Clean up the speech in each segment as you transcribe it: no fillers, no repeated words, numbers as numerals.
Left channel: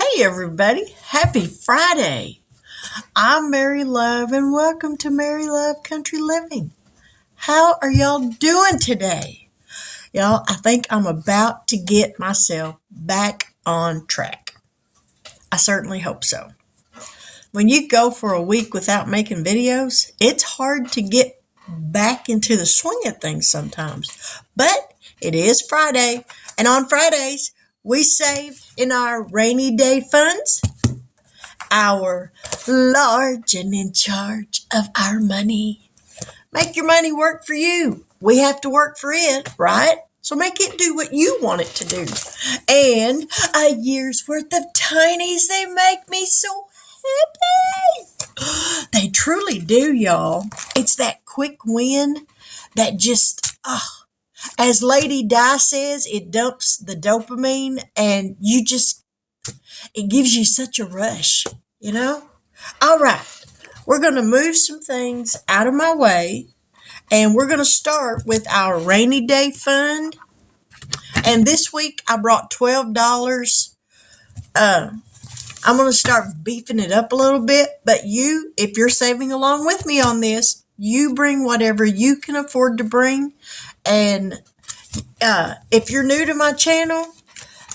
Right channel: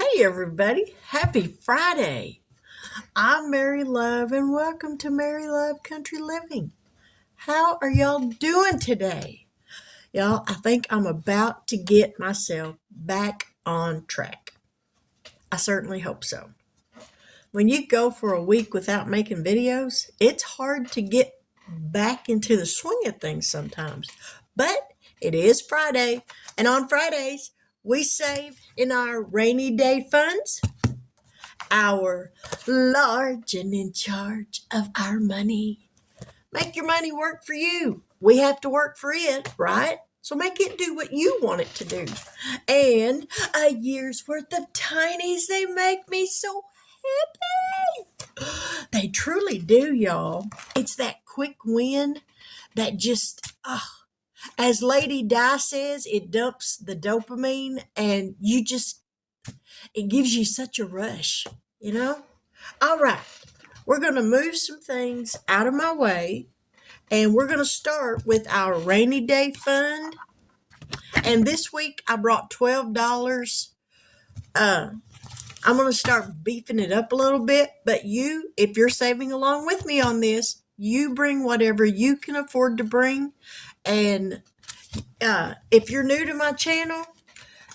Hey everybody, happy Friday. I'm Mary Love and welcome to Mary Love Country Living. How are y'all doing today? Y'all, I think I'm about to get myself back on track. I certainly hope so. When you go for a week without making videos, it's hard to get back into the swing of things sometimes. But it is Friday, and on Fridays, we save in our rainy day funds our large and in charge of our money. Make your money work for you. We have to work for it, right? So make it do what you want it to do. And a year's worth of tinies, they make me so happy. They truly do, y'all. It's that quick win that just, as Lady Di says, it dumps the dopamine and it gives you such a rush, you know? All right, we're going to move some things out of my way, and we're going to start with our rainy day fund. And this week I brought $12. I'm going to start beefing it up a little bit, but if you're saving along with me on this, you bring whatever you can afford to bring. And if you're new to my channel,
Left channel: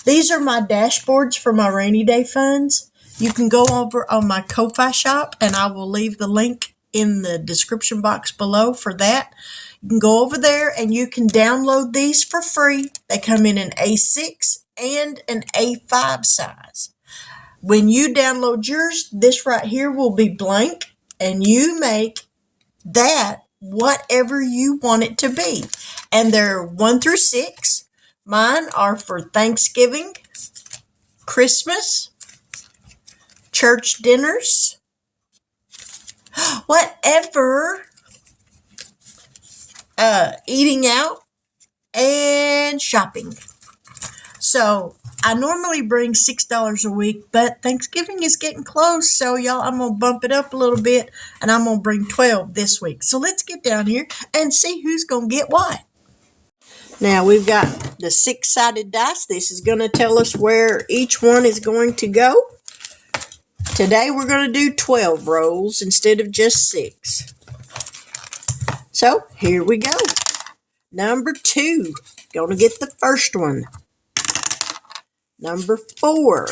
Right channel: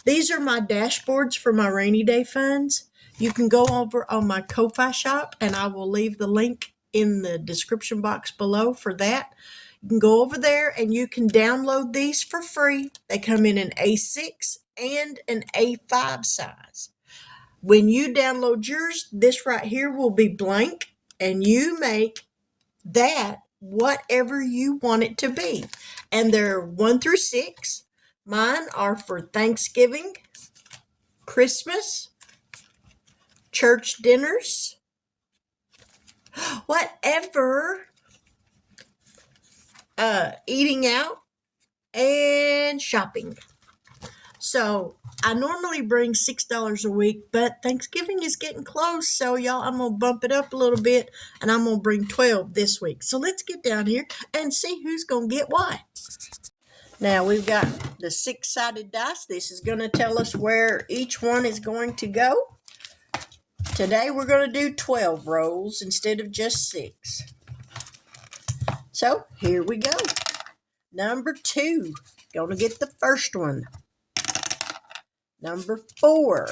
these are my dashboards for my rainy day funds. You can go over on my Ko-Fi shop, and I will leave the link in the description box below for that. You can go over there and you can download these for free. They come in an A6 and an A5 size. When you download yours, this right here will be blank, and you make that whatever you want it to be. And they're 1 through 6. Mine are for Thanksgiving, Christmas, church dinners, whatever, eating out, and shopping. So I normally bring $6 a week, but Thanksgiving is getting close. So y'all, I'm going to bump it up a little bit, and I'm going to bring 12 this week. So let's get down here and see who's going to get what. Now we've got the 6-sided dice. This is going to tell us where each one is going to go. Today we're going to do 12 rolls instead of just 6. So here we go. Number 2, going to get the first one. Number 4.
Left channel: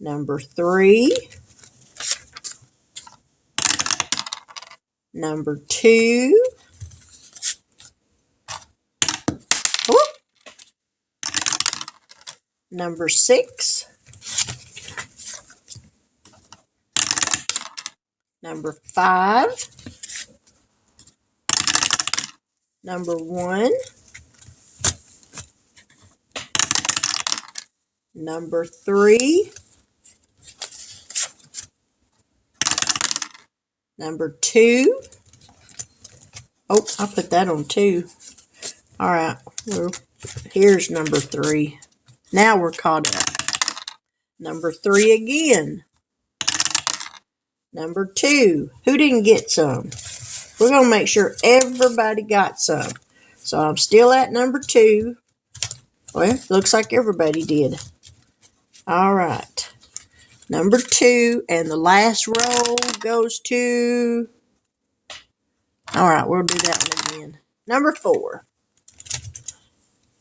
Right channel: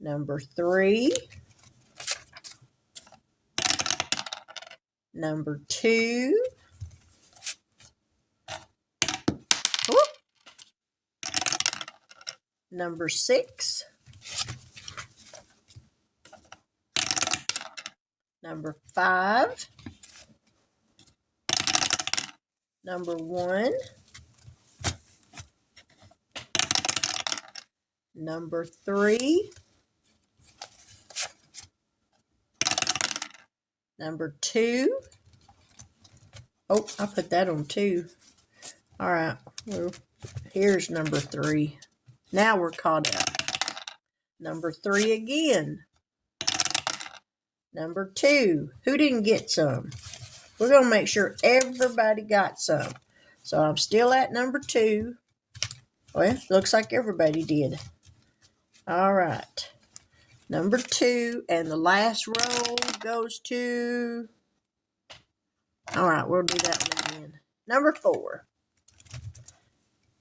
Number 3. Number 2. Whoop. Number 6. Number 5. Number 1. Number 3. Number 2. Oh, I put that on 2. All right, here's number 3. Now we're caught up. Number 3 again. Number 2. Who didn't get some? We're going to make sure everybody got some. So I'm still at number 2. Well, looks like everybody did. All right. Number 2, and the last roll goes to... All right, we'll do that one again. Number 4.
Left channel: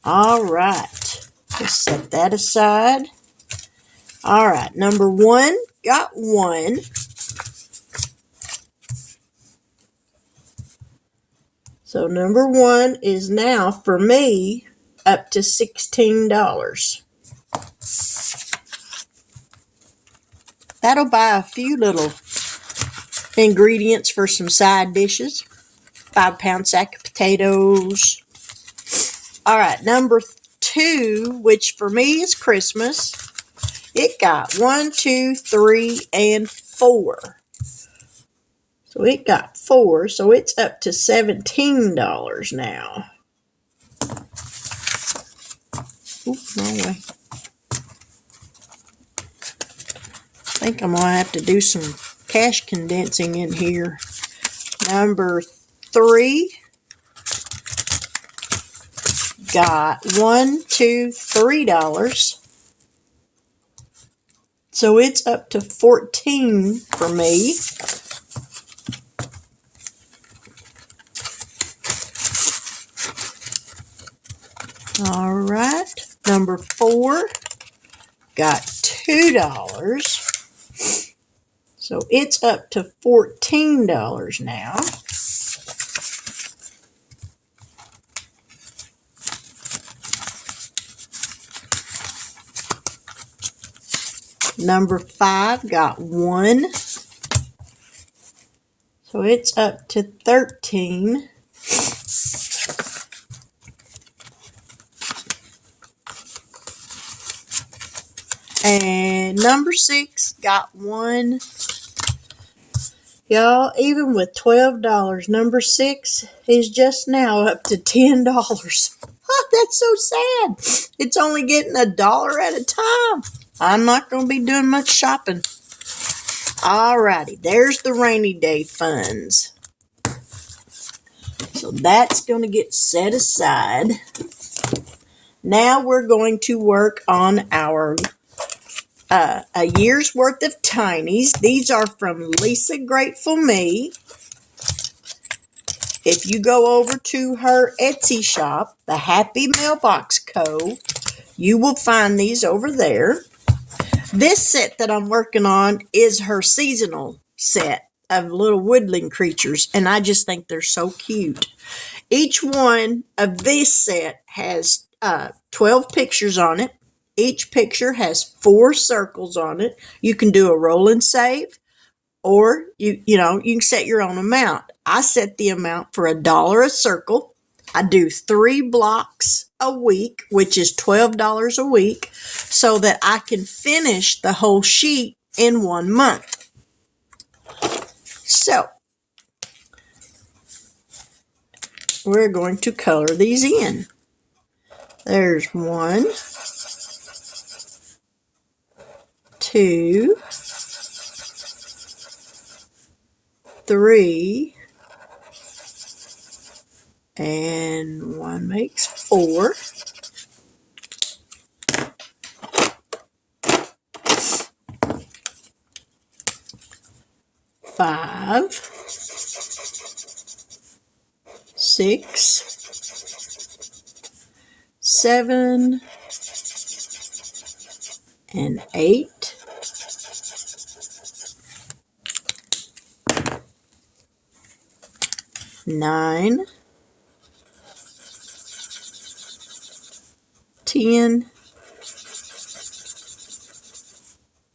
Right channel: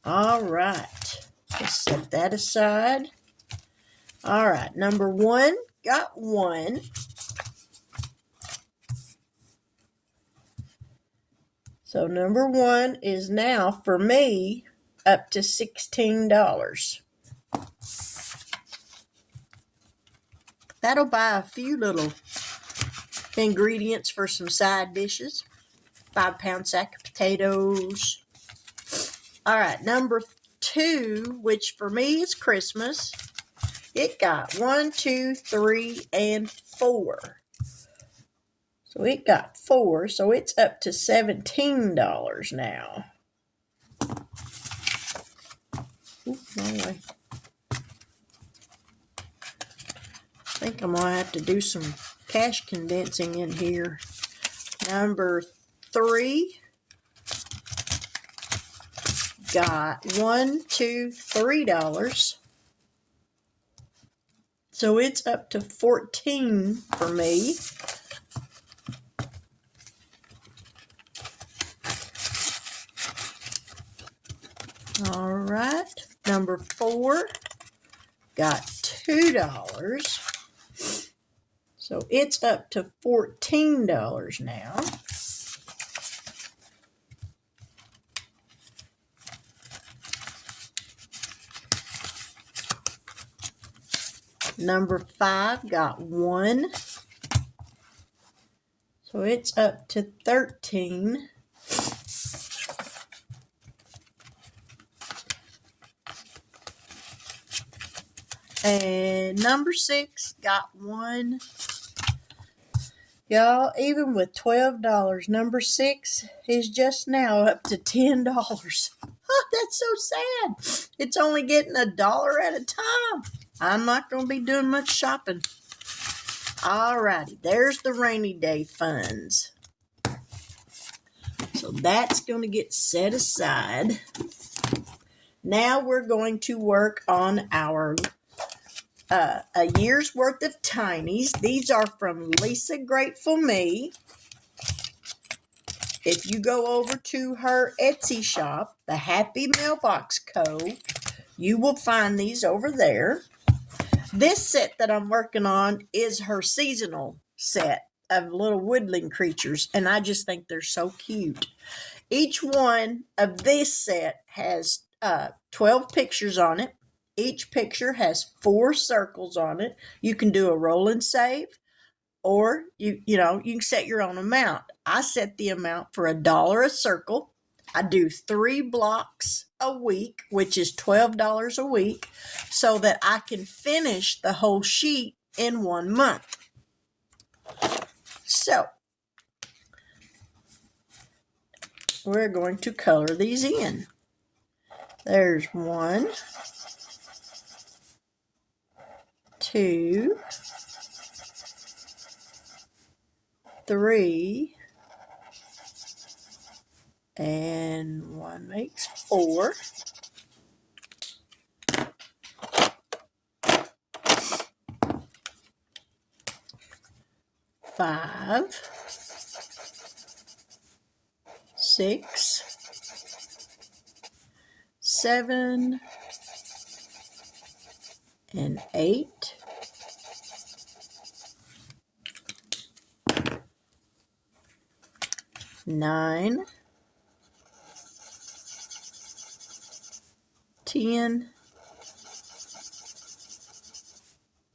All right. Let's set that aside. All right, number 1 got 1. So number 1 is now, for me, up to $16. That'll buy a few little ingredients for some side dishes. 5-pound sack of potatoes. All right, number 2, which for me is Christmas. It got 1, 2, 3, and 4. So it got 4, so it's up to $17 now. Oops, wrong way. I think I'm going to have to do some cash condensing in here. Number 3 got $1, $2, $3. So it's up to 14 for me. All right. Number 4 got $2. So it's up to $14 now. Number 5 got 1. So it's up to 13. And number 6 got 1. Y'all, even with $12, number 6 is just now up to $10. Oh, that's so sad. It's only getting $1 at a time. I'm not going to be doing much shopping. Alrighty, there's the rainy day funds. So that's going to get set aside. Now we're going to work on our a year's worth of Tinies. These are from Lisa Grateful Me. If you go over to her Etsy shop, the Happy Mailbox Co., you will find these over there. This set that I'm working on is her seasonal set of little woodland creatures, and I just think they're so cute. Each one of this set has 12 pictures on it. Each picture has 4 circles on it. You can do a roll and save, or you can set your own amount. I set the amount for $1 a circle. I do 3 blocks a week, which is $12 a week, so that I can finish the whole sheet in 1 month. So we're going to color these in. There's 1, 2, 3, and 1 makes 4. 5, 6, 7, and 8. 9, 10,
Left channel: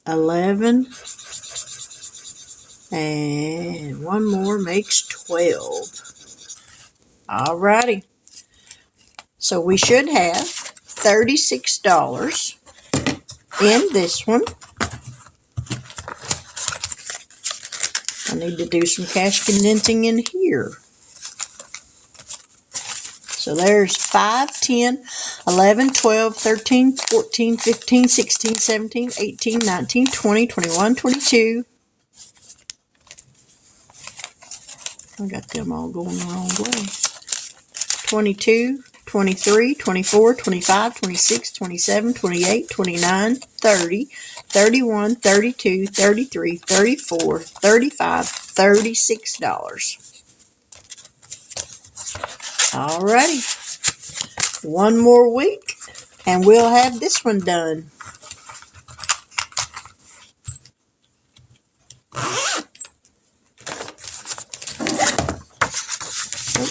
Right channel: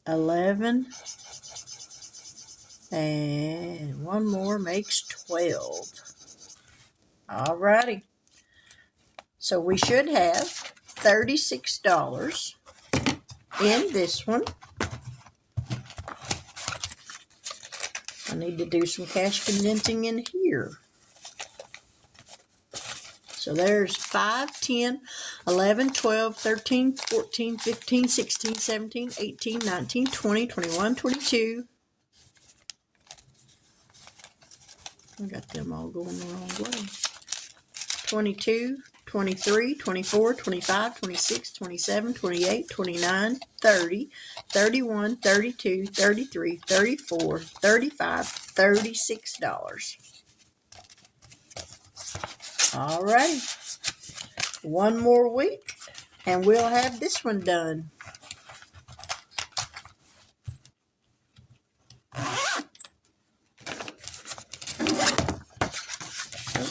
11, and 1 more makes 12. Alrighty. So we should have $36 in this one. I need to do some cash condensing in here. So there's 5, 10, 11, 12, 13, 14, 15, 16, 17, 18, 19, 20, 21, 22. I got them all going the wrong way. 22, 23, 24, 25, 26, 27, 28, 29, 30, 31, 32, 33, 34, 35, $36. Alrighty. 1 more week and we'll have this one done.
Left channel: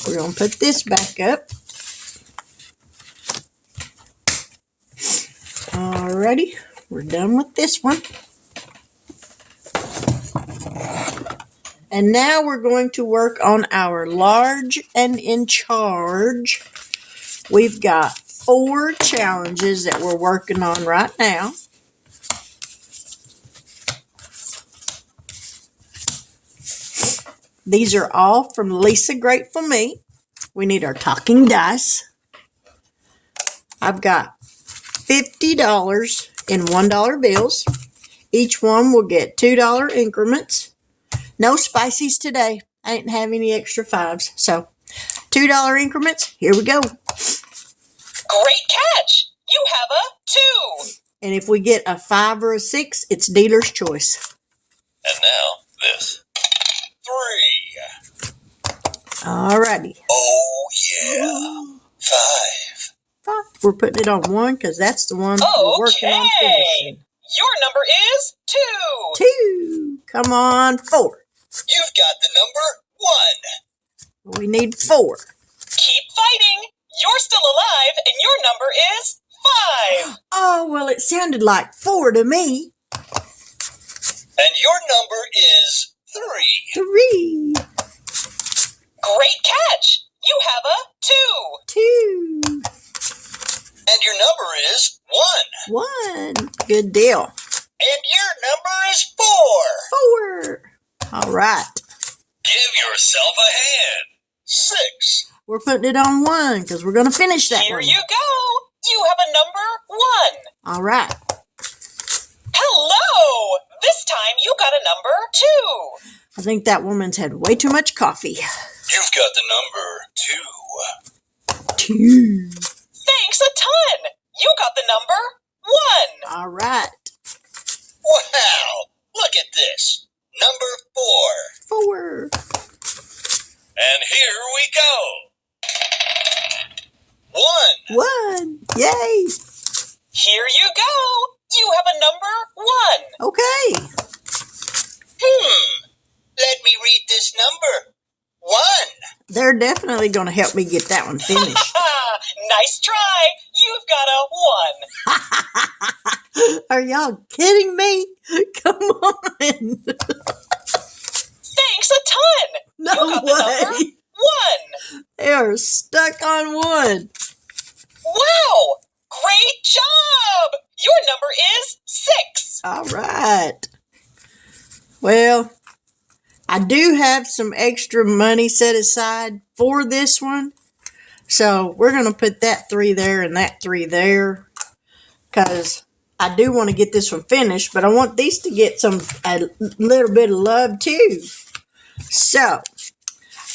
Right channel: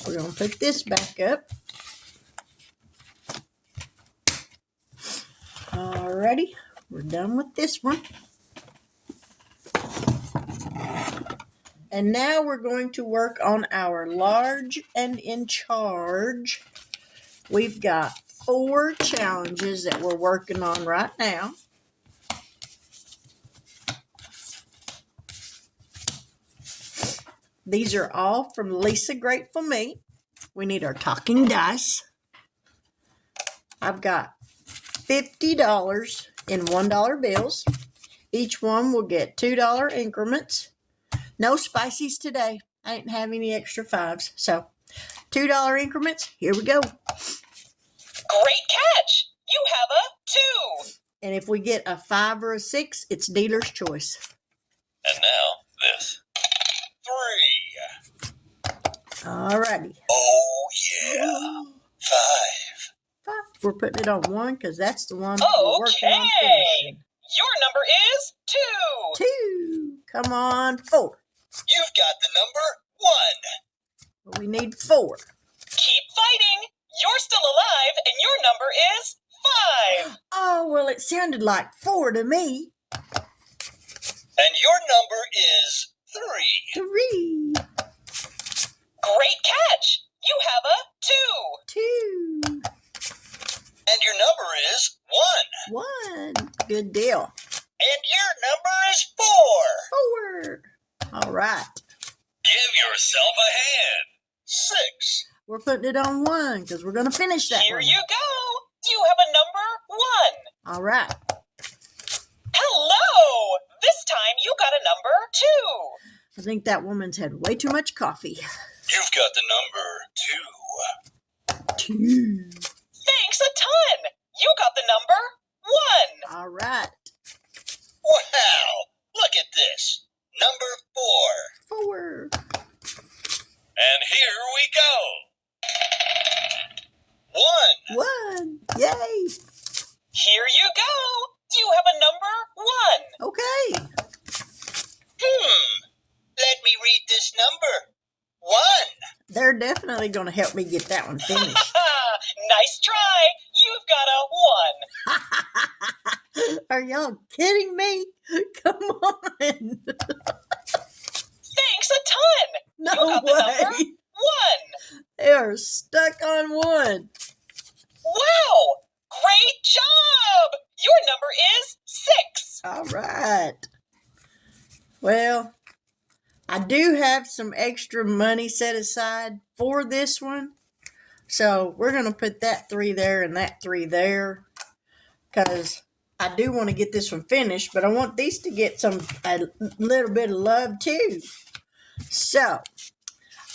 We're going to put this back up. Alrighty, we're done with this one. And now we're going to work on our large and in charge. We've got 4 challenges that we're working on right now. These are all from Lisa Grateful Me. We need our talking dice. I've got $50 in $1 bills. Each one will get $2 increments. No spices today. I didn't have any extra 5s. So $2 increments. Here we go. Great catch! You have a 2. And if we get a 5 or a 6, it's dealer's choice. And now, this. 3. Alrighty. Oh, yeah. 5. 5. We're putting it on 1 because that's the one we're working on finishing. Your number is 2. 2. Come on, 4. You've got the number 1. We need 4. Keep fighting. You're still alive, and your number is 5. Oh, well, it sounded like 4 to me. And your number is 3. 3. Great catch. You have a 2. 2. And your number is 1. 1. Good deal. And your number is 4. 4. All right. Give yourself a hand. 6. We're putting it on 1 because we're going to finish that Here one. you go. You have a number 1. All right. Hello. This time you got a number 2. I think that woman's had way too much coffee. You've got the number 2. 2. Thanks a ton. You got the number 1. All right. Wow. Look at this. Number 4. And here we go. 1. 1. Yay. Here you go. You have a number 1. Okay. Let me read this number. 1. They're definitely going to help me get that one finished. Nice try. You've got a 1. Are y'all kidding me? Come on. Thanks a ton. No you got the number way. 1. They are stuck on 1. Wow. Great job. Your number is 6. All right. Well, I do have some extra money set aside for this one. So we're going to put that 3 there and that 3 there. Because I do want to get this one finished. But I want these to get a little bit of love too. So,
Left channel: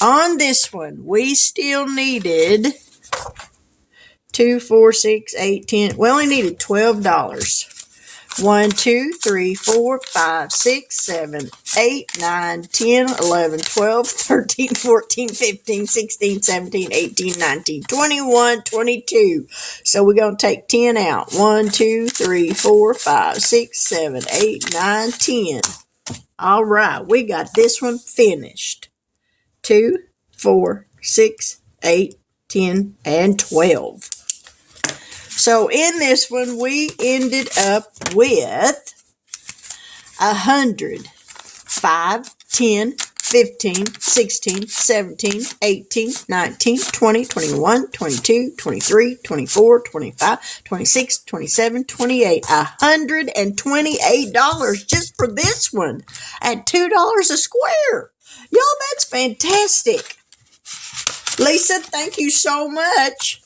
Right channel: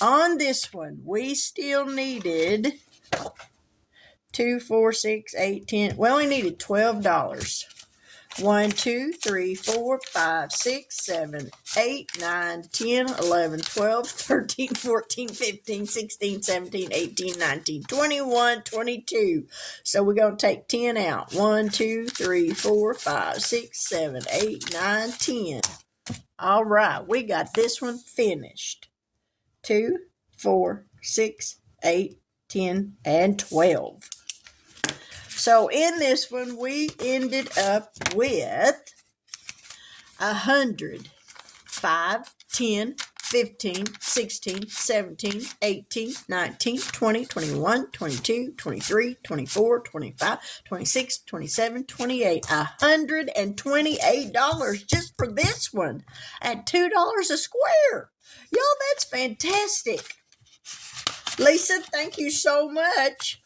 on this one, we still needed 2, 4, 6, 8, 10. We only needed $12. 1, 2, 3, 4, 5, 6, 7, 8, 9, 10, 11, 12, 13, 14, 15, 16, 17, 18, 19, 21, 22. So we're going to take 10 out. 1, 2, 3, 4, 5, 6, 7, 8, 9, 10. All right, we got this one finished. 2, 4, 6, 8, 10, and 12. So in this one, we ended up with 100, 5, 10, 15, 16, 17, 18, 19, 20, 21, 22, 23, 24, 25, 26, 27, 28. $128 just for this one at $2 a square. Y'all, that's fantastic. Lisa, thank you so much.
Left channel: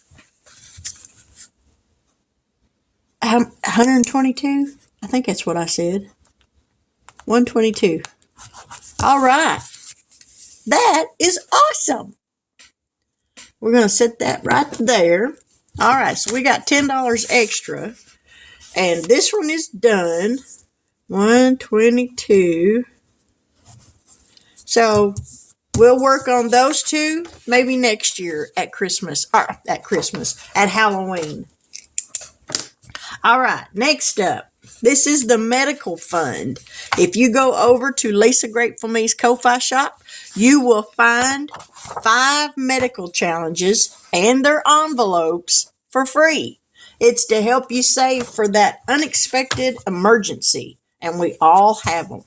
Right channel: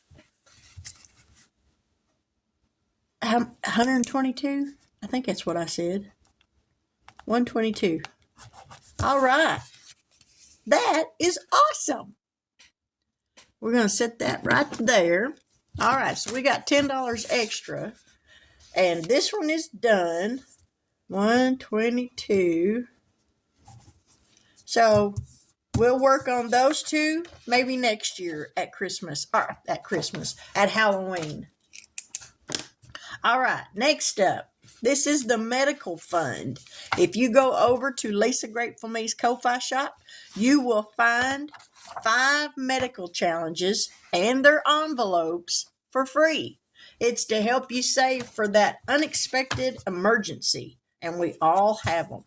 122? I think that's what I said. 122. All right. That is awesome. We're going to set that right there. All right, so we got $10 extra. And this one is done. 122. So we'll work on those two maybe next year at Christmas. Or at Halloween. All right, next up. This is the medical fund. If you go over to Lisa Grateful Me's Ko-Fi shop, you will find 5 medical challenges and their envelopes for free. It's to help you save for that unexpected emergency, and we all have them.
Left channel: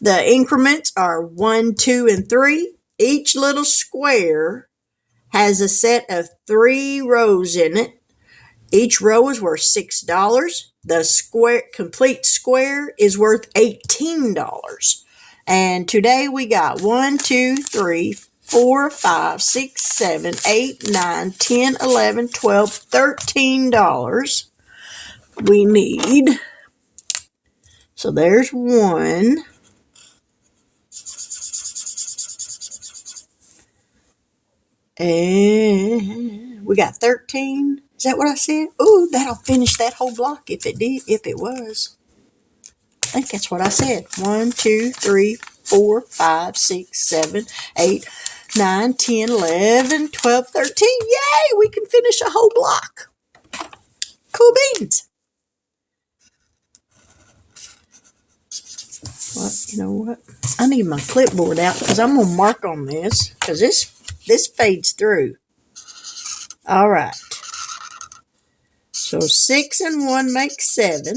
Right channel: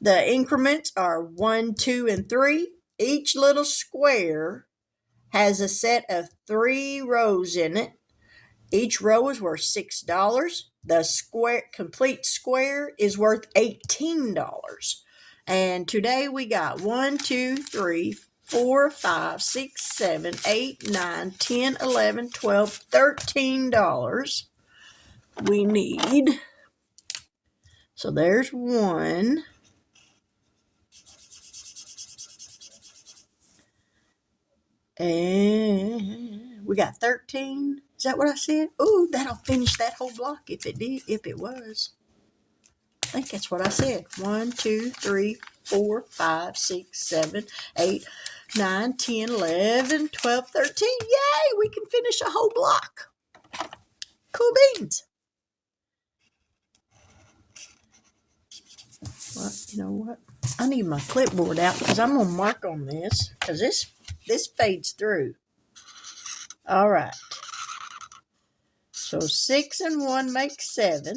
The increments are 1, 2, and 3. Each little square has a set of 3 rows in it. Each row is worth $6. The complete square is worth $18. And today we got 1, 2, 3, 4, 5, 6, 7, 8, 9, 10, 11, 12, $13 we need. So there's 1. And We got 13. Is that what I said? Ooh, that'll finish that whole block if it was. I think that's what I said. 1, 2, 3, 4, 5, 6, 7, 8, 9, 10, 11, 12, 13. Yay! We can finish a whole block. Cool beans. Well, you know what? I need my clipboard out because I'm going to mark on this because this fades through. All right. So 6 and 1 make 7.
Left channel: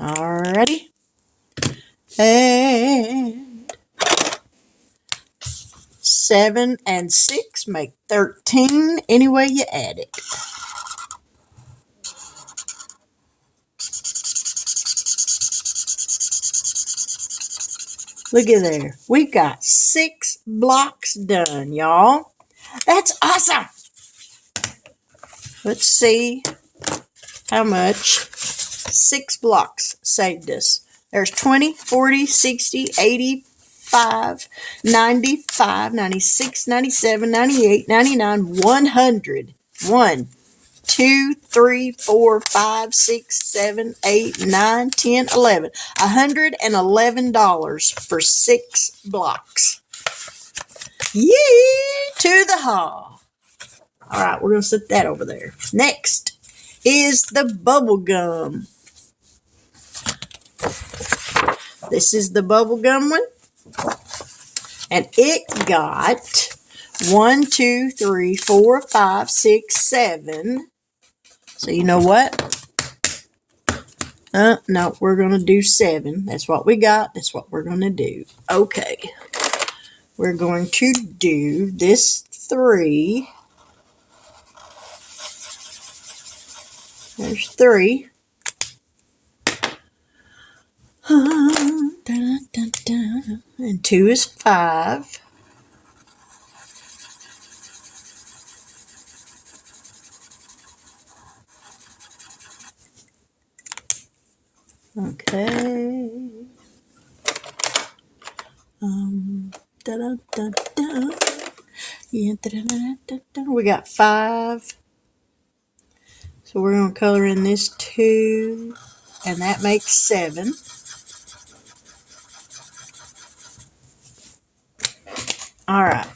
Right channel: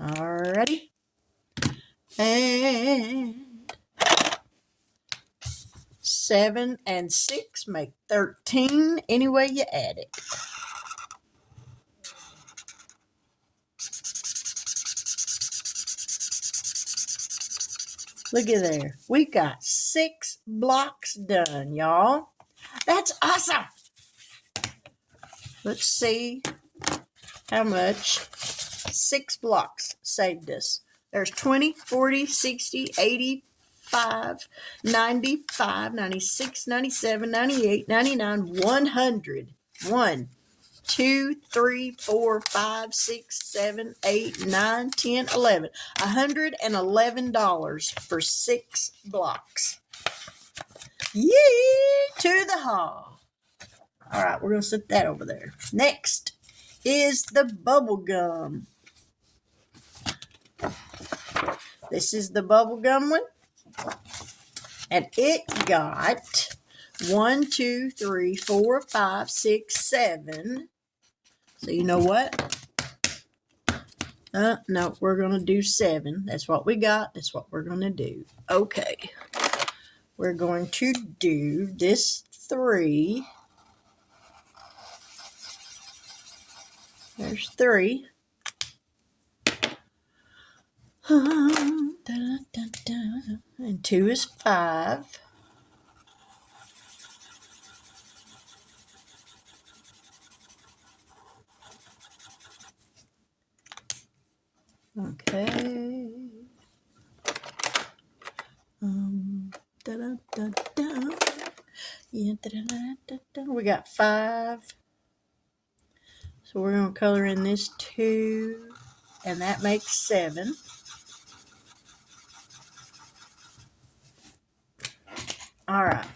Alrighty. And 7 and 6 make 13 any way you add it. Look at there. We got 6 blocks done, y'all. That's awesome. Let's see how much 6 blocks saved us. There's 20, 40, 60, 85, 95, 96, 97, 98, 99, 100. 1, 2, 3, 4, 5, 6, 7, 8, 9, 10, 11. $111 for 6 blocks. Yee! To the hall. All right, we're going to set that over there. Next is the bubble gum. This is the bubble gum one. And it got 1, 2, 3, 4, 5, 6, 7. So you know what? No, we're going to do 7. That's what we got. That's what we're going to do. Okay. We're going to do this 3. There's 3. And 2 is 5. Okay. Yeah, we got 5. So we're going to color in this 2, and that makes 7. All right.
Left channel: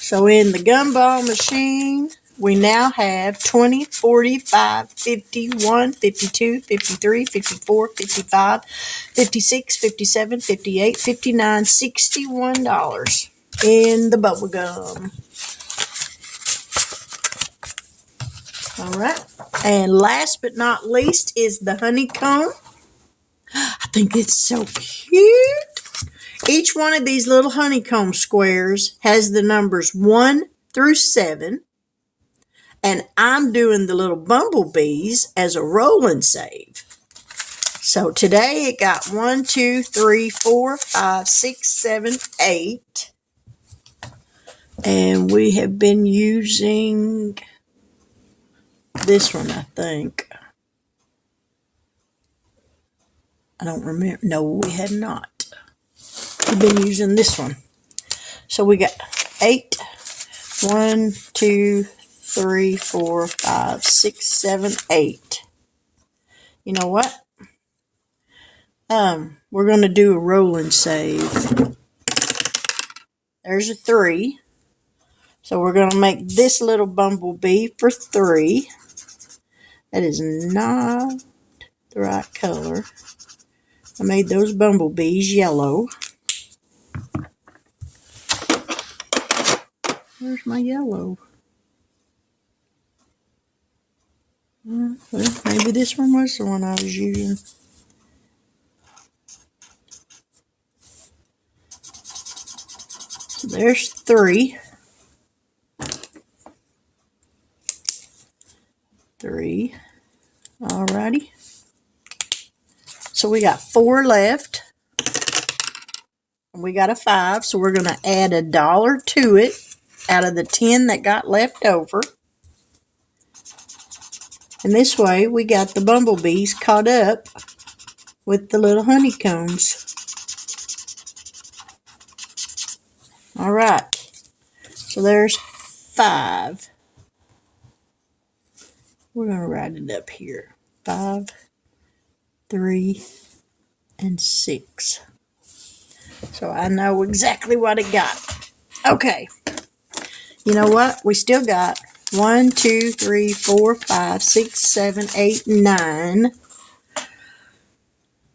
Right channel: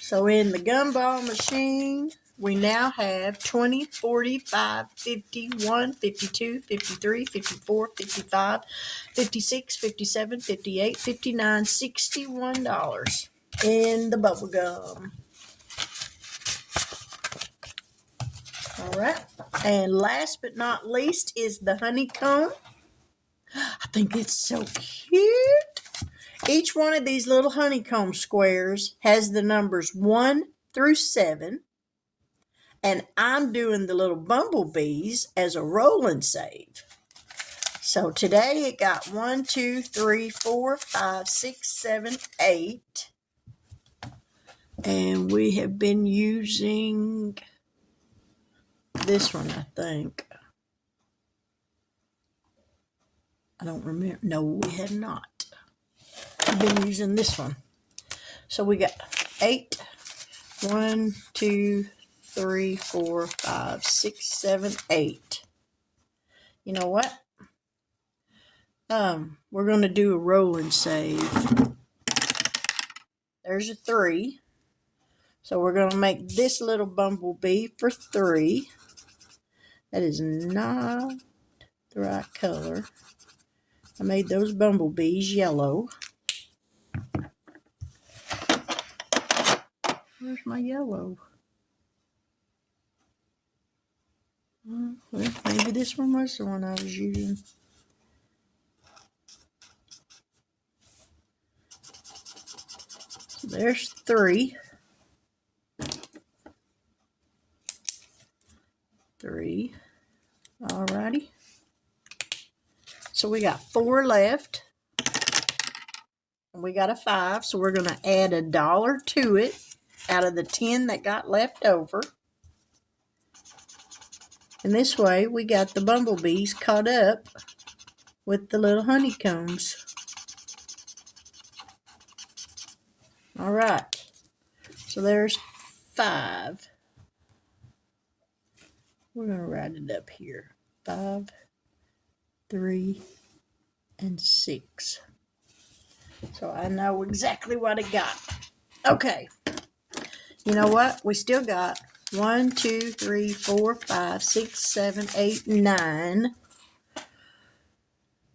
So in the gumball machine, we now have 20, 45, 51, 52, 53, 54, 55, 56, 57, 58, 59, $61 in the bubble gum. All right. And last but not least is the honeycomb. I think it's so cute. Each one of these little honeycomb squares has the numbers 1 through 7. And I'm doing the little bumblebees as a roll and save. So today it got 1, 2, 3, 4, 5, 6, 7, 8. And we have been using this one, I think. I don't remember. No, we had not. We've been using this one. So we got 8. 1, 2, 3, 4, 5, 6, 7, 8. You know what? We're going to do a roll and save. There's a 3. So we're going to make this little bumblebee for 3. That is not the right color. I made those bumblebees yellow. Where's my yellow? Well, maybe this one was the one I was using. So there's 3. 3. Alrighty. So we got 4 left. And we got a 5. So we're going to add $1 to it out of the 10 that got left over. And this way we got the bumblebees caught up with the little honeycombs. All right. So there's 5. We're going to write it up here. 5, 3, and 6. So I know exactly what it got. Okay. You know what? We still got 1, 2, 3, 4, 5, 6, 7, 8, 9.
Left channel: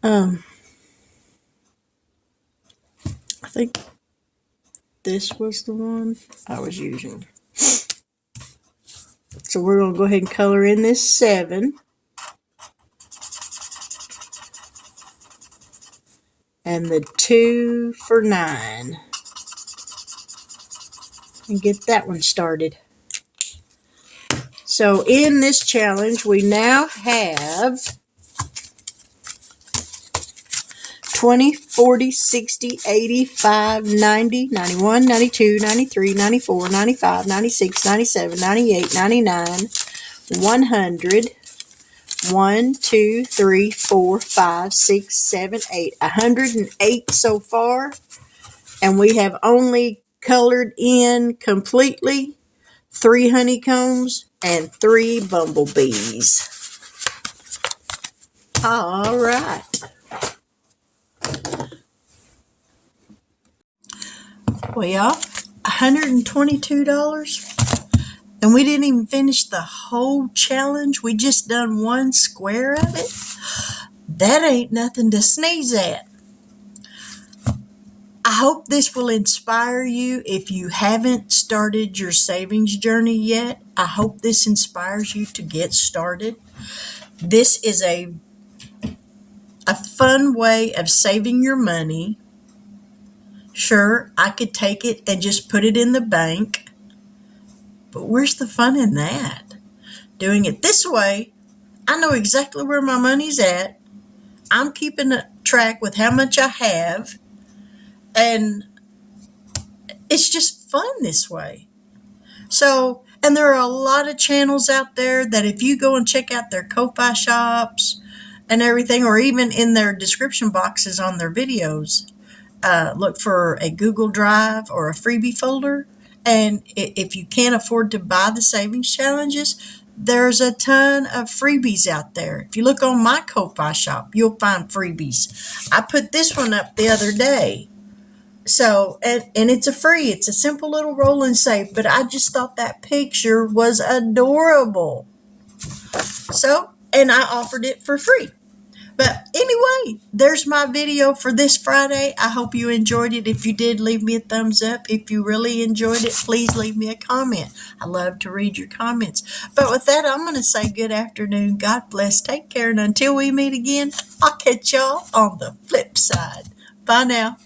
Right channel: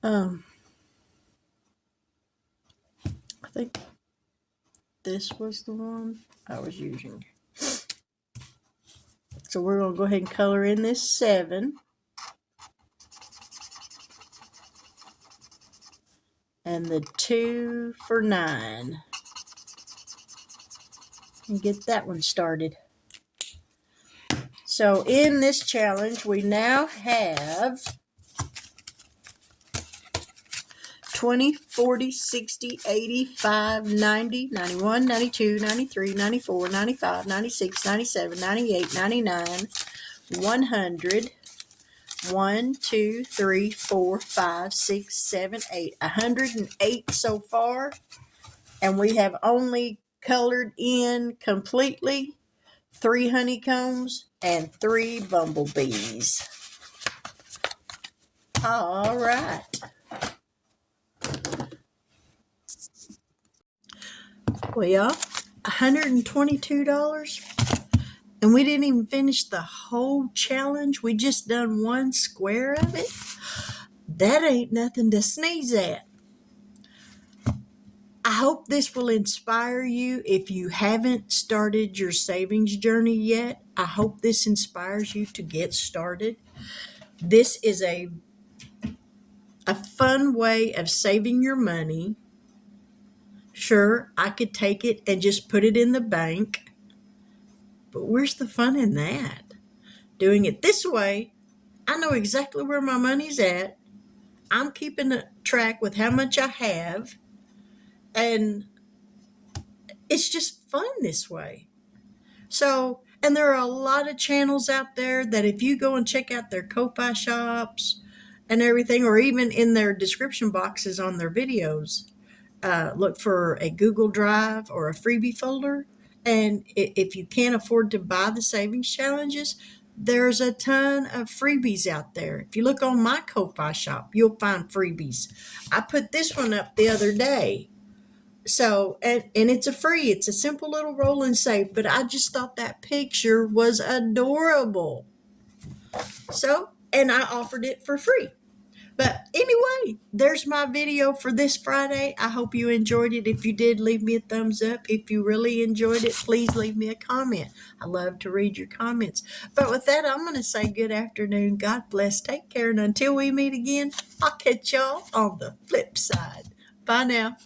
I think this was the one I was using. So we're going to go ahead and color in this 7. And the 2 for 9. And get that one started. So in this challenge, we now have 20, 40, 60, 85, 90, 91, 92, 93, 94, 95, 96, 97, 98, 99, 100, 1, 2, 3, 4, 5, 6, 7, 8. 108 so far. And we have only colored in completely 3 honeycombs and 3 bumblebees. All right. Well, y'all, $122. And we didn't even finish the whole challenge. We just done one square of it. That ain't nothing to sneeze at. I hope this will inspire you. If you haven't started your savings journey yet, I hope this inspires you to get started. This is a fun way of saving your money. Sure, I could take it and just put it in the bank, but where's the fun in that? Doing it this way, I know exactly where my money's at. I'm keeping a track with how much I have, and it's just fun this way. So, and there are a lot of channels out there that if you go and check out their Ko-Fi shops and everything, or even in their description boxes on their videos, look for a Google Drive or a freebie folder. And if you can't afford to buy the savings challenges, there's a ton of freebies out there. If you look on my Ko-Fi shop, you'll find freebies. I put this one up the other day. So, and it's it's a simple little roll and save, but I just thought that picture was adorable. So, and I offered it for free. But anyway, there's my video for this Friday. I hope you enjoyed it. If you did, leave me a thumbs up. If you really enjoyed it, please leave me a comment. I love to read your comments. But with that, I'm going to say good afternoon. God bless. Take care. And until we meet again, I'll catch y'all on the flip side. Bye now.